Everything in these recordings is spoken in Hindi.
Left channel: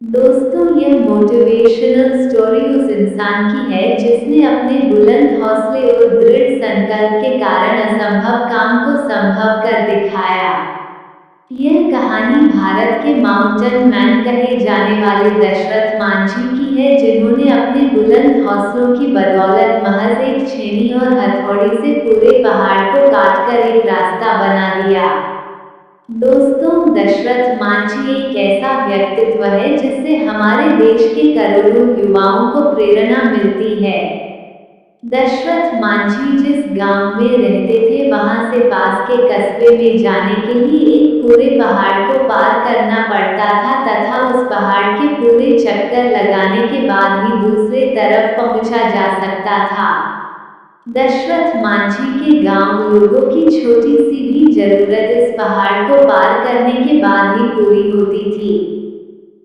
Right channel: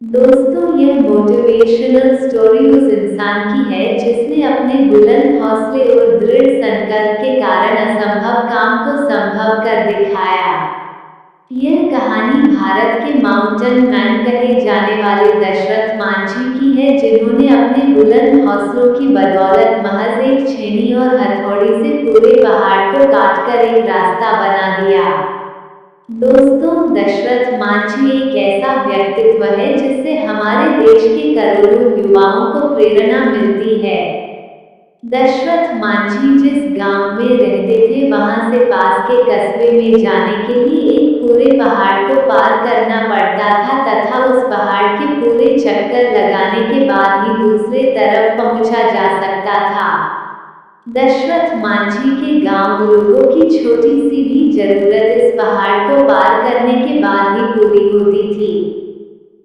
दोस्तों, यह मोटिवेशनल स्टोरी उस इंसान की है जिसने अपने बुलंद हौसले और दृढ़ संकल्प के कारण असंभव काम को संभव कर दिखाया। यह कहानी भारत के माउंटेन मैन कहे जाने वाले दशरथ मांझी की है, जिन्होंने अपने बुलंद हौसलों की बदौलत महज एक छेनी और हथौड़ी से पूरे पहाड़ को काटकर एक रास्ता बना दिया। दोस्तों, दशरथ मांझी एक ऐसा व्यक्तित्व है जिससे हमारे देश के करोड़ों युवाओं को प्रेरणा मिलती है। दशरथ मांझी जिस गांव में रहते थे, वहां से पास के कस्बे में जाने के लिए एक पूरे पहाड़ को पार करना पड़ता था तथा उस पहाड़ के पूरे चक्कर लगाने के बाद ही दूसरे तरफ पहुंचा जा सकता था। दशरथ मांझी के गांव लोगों की छोटी सी भी जरूरत इस पहाड़ को पार करने के बाद ही पूरी होती थी।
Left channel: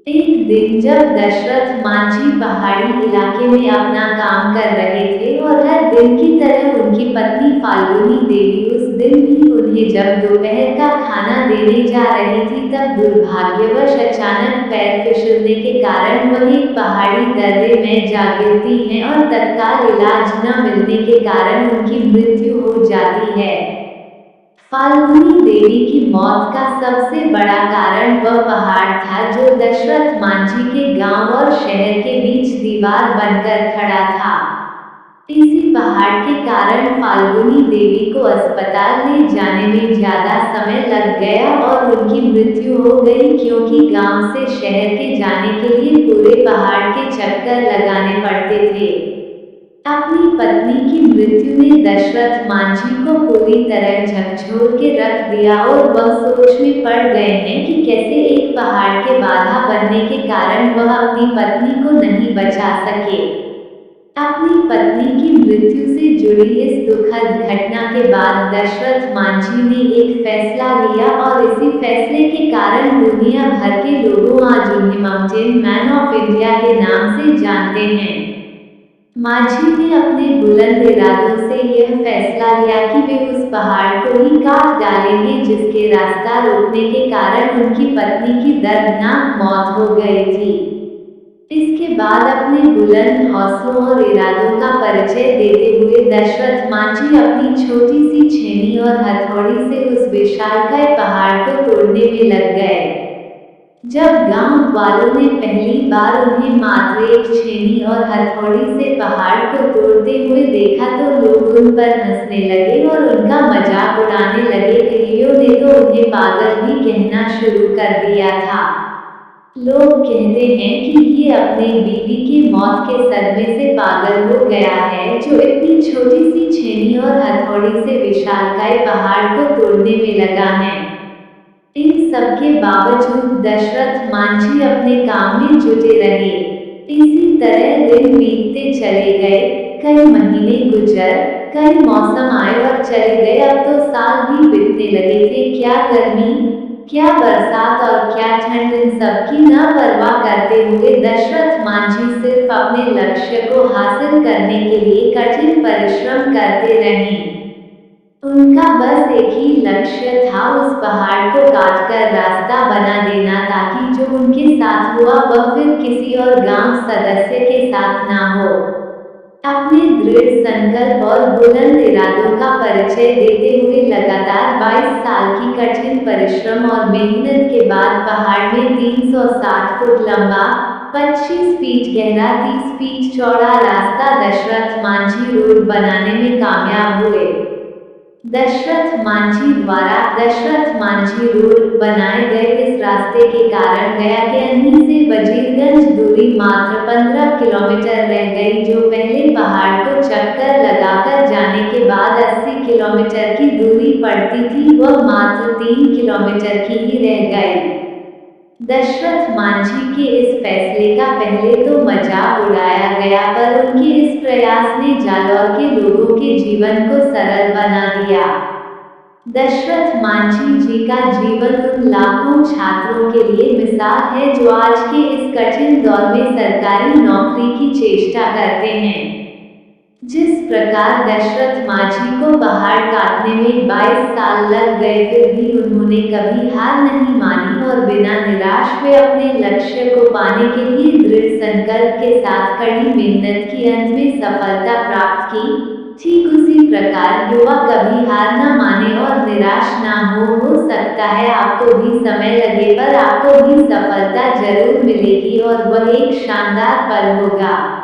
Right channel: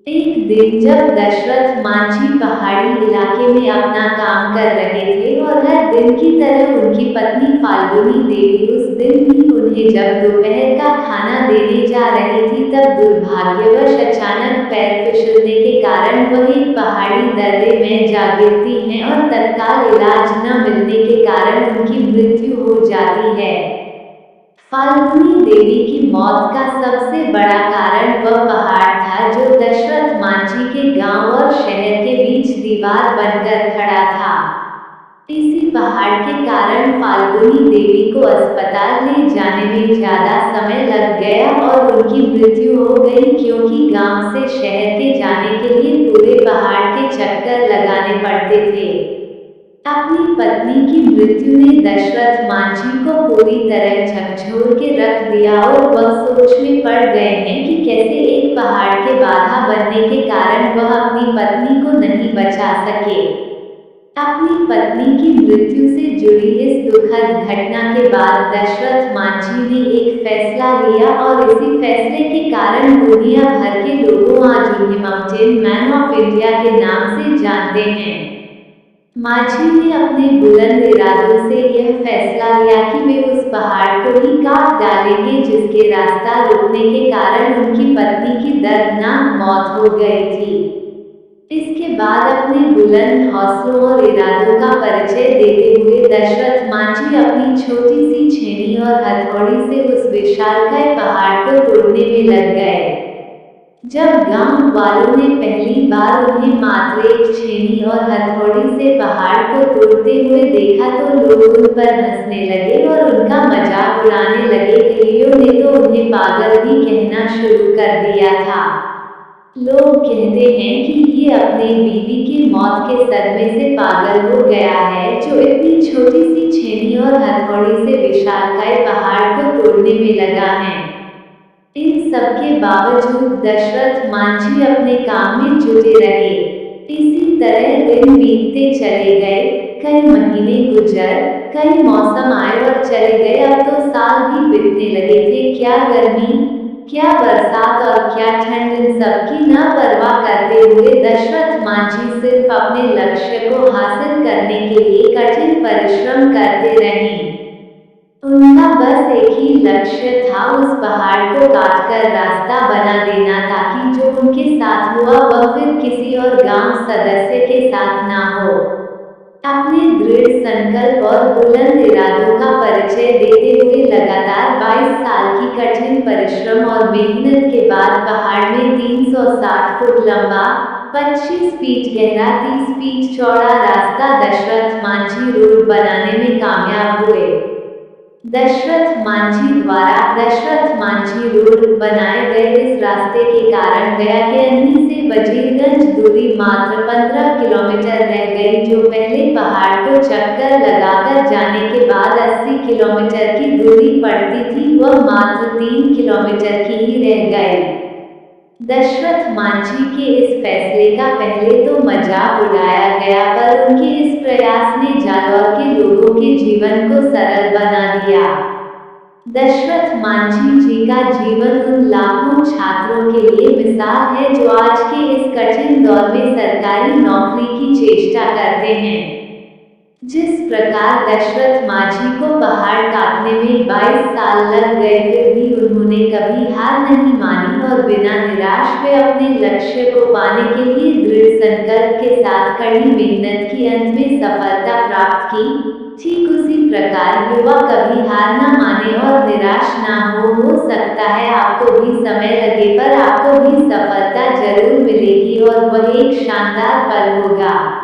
एक दिन जब दशरथ मांझी पहाड़ी इलाके में अपना काम कर रहे थे और हर दिन की तरह उनकी पत्नी फाल्गुनी देवी उस दिन भी उन्हें जब दोपहर का खाना देने जा रही थी, तब दुर्भाग्यवश अचानक पैर फिसलने के कारण वह एक पहाड़ी दर्रे में जा गिरती हैं और तत्काल इलाज न मिलने के कारण उनकी मृत्यु हो जाती है। फाल्गुनी देवी की मौत का सबसे बड़ा कारण वह पहाड़ था जो दशरथ मांझी के गांव और शहर के बीच दीवार बनकर खड़ा था। इसी पहाड़ के कारण फाल्गुनी देवी को अस्पताल ले जाने में ज्यादा समय लग गया और उनकी मृत्यु हो गई, क्योंकि गांव से शहर के जाने के लिए पूरे पहाड़ के चक्कर लगाने पड़ते थे। अपनी पत्नी की मृत्यु ने दशरथ मांझी को पूरी तरह झकझोर के रख दिया और वह सोच में पड़ गए हैं कि कैसे एक पहाड़ के बाधा बनने के कारण वह अपनी पत्नी को नहीं बचा सके। अपनी पत्नी की मृत्यु से जुड़ी इस दुखद घटना के बाद दशरथ मांझी ने एक फैसला लिया और इसी फैसले के कारण दुनिया भर के लोगों आज उन्हें माउंटेन मैन ऑफ इंडिया के नाम से जानते हैं। मांझी ने अपने बुलंद इरादों से यह फैसला लिया कि वे उस पहाड़ को ही काट डालेंगे जिसके रास्ता रुकने के कारण उनकी पत्नी की दर्दनाक मौत हो गई थी। इसके बाद अपने बुलंद हौसलों और इरादों का परिचय देते हुए दशरथ मांझी अपनी छोटी सी छेनी और हथौड़ी से उस विशालकाय पहाड़ को तोड़ने में लग गए। जब गांव वालों ने पहली बार उन्हें मात्र एक छेनी और हथौड़ी से पहाड़ को तोड़ते हुए देखा तो लोग उन पर हंसने लगे और उनका मजाक उड़ाने लगे। कईयों ने तो उन्हें पागल भी कहना शुरू कर दिया था। लोग कहते हैं कि ये अपने बीवी की मौत के सदमे से पागल हो गया है, जो इतनी छोटी सी छेनी और हथौड़ी से विशालकाय पहाड़ को तोड़ने में लगा है। इन सब के बावजूद दशरथ मांझी अपने काम में जुटे रहे। इसी तरह दिन बीतते चले गए, कई महीने गुजर, कई मौसम आए और चले गए। अब तो साल भी बीतने लगे थे। क्या गर्मी, क्या बरसात और क्या ठंड, इन सब की न परवाह करते हुए दशरथ मांझी सिर्फ अपने लक्ष्य को हासिल करने के लिए कठिन परिश्रम करते रहे। उनका बस एक ही लक्ष्य था, उस पहाड़ को काटकर रास्ता बना देना, ताकि जो उनके साथ हुआ वह फिर किसी और गांव सदस्य के साथ ना हो। अपने दृढ़ संकल्प और बुलंद इरादों का परिचय देते हुए लगातार 22 साल की कठिन परिश्रम और मेहनत के बाद पहाड़ में 360 फुट लंबा, 25 फीट गहरा, 30 फीट चौड़ा रास्ता दशरथ मांझी रोड बनाने में कामयाब हुए। दशरथ मांझी द्वारा दशरथ मांझी रोड बनाए गए इस रास्ते के कारण गया के अन्नी से वजीरगंज दूरी मात्र 15 किलोमीटर रह गई, जो पहले पहाड़ को चक्कर लगाकर जाने के बाद 80 किलोमीटर की दूरी पड़ती थी, वह मात्र 3 किलोमीटर की ही रह गई। दशरथ मांझी के इस फैसले का पहले तो मजाक उड़ाया गया, पर उनके इस प्रयास ने जालौर के लोगों के जीवन को सरल बना दिया। दशरथ मांझी जी का जीवन उन लाखों छात्रों के लिए मिसाल है जो आज के इस कठिन दौर में सरकारी नौकरी की चेष्टा करते हैं। जिस प्रकार दशरथ माझी को पहाड़ काटने में 22 साल लग गए, फिर भी उन्होंने कभी हार नहीं मानी और बिना निराश हुए अपने लक्ष्य को पाने के लिए दृढ़ संकल्प के साथ कड़ी मेहनत की अंत में सफलता प्राप्त की। ठीक उसी प्रकार युवा कभी हार ना माने और निराश ना हो सकता है आपको भी समय लगे पर आपको भी सफलता जरूर मिलेगी और वह एक शानदार पल होगा।